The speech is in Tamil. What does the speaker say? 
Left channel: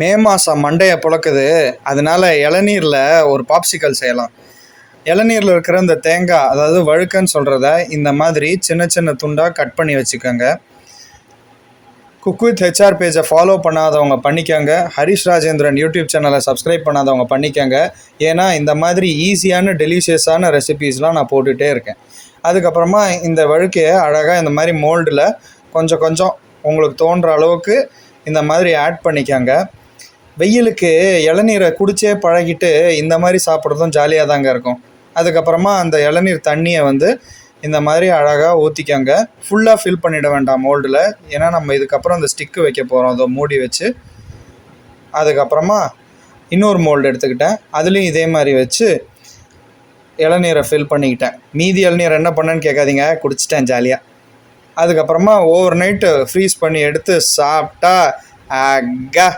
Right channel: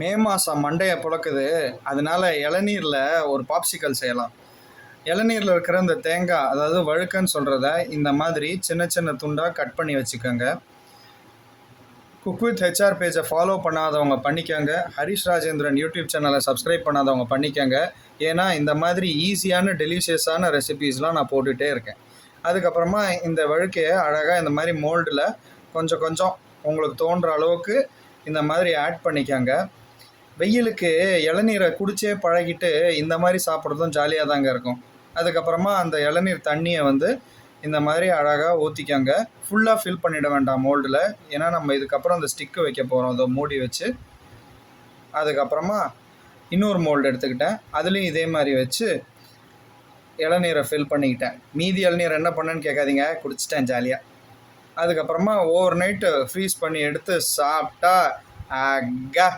மே மாதம் மண்டையை புழக்குது. அதனால இளநீரில் ஒரு பாப்சிக்கல் செய்யலாம். இளநீரில் இருக்கிற இந்த தேங்காய், அதாவது வழுக்கன்னு சொல்கிறத, இந்த மாதிரி சின்ன சின்ன துண்டாக கட் பண்ணி வச்சுக்கோங்க. குக் வித் ஹெச்ஆர் பேஜை ஃபாலோ பண்ணாதவங்க பண்ணிக்கோங்க. ஹரிஷ் ராஜேந்திரன் யூடியூப் சேனலை சப்ஸ்கிரைப் பண்ணாதவங்க பண்ணிக்கோங்க. ஏன்னா இந்த மாதிரி ஈஸியான டெலிஷியஸான ரெசிபீஸ்லாம் நான் போட்டுகிட்டே இருக்கேன். அதுக்கப்புறமா இந்த வழுக்கையை அழகாக இந்த மாதிரி மோல்டில் கொஞ்சம் கொஞ்சம் உங்களுக்கு தோன்ற அளவுக்கு இந்த மாதிரி ஆட் பண்ணிக்கோங்க. வெயிலுக்கு இளநீரை குடிச்சே பழகிட்டு இந்த மாதிரி சாப்பிட்றதும் ஜாலியாக தாங்க இருக்கும். அதுக்கப்புறமா அந்த இளநீர் தண்ணியை இந்த மாதிரி அழகாக ஊற்றிக்கோங்க. ஃபுல்லாக ஃபில் பண்ணிட வேண்டாம் மோல்டில். ஏன்னா நம்ம இதுக்கப்புறம் அந்த ஸ்டிக்கு வைக்க போகிறோம். அதை மூடி வச்சு அதுக்கப்புறமா இன்னொரு மோல்டு எடுத்துக்கிட்டேன். அதுலேயும் இதே மாதிரி வச்சு இளநீரை ஃபில் பண்ணிக்கிட்டேன். மீதி இளநீர் என்ன பண்ணேன்னு கேட்காதீங்க, குடிச்சிட்டேன் ஜாலியாக. அதுக்கப்புறமா ஓவர் நைட்டு ஃப்ரீஸ் பண்ணி எடுத்து சாப்பிட்டா அக்கா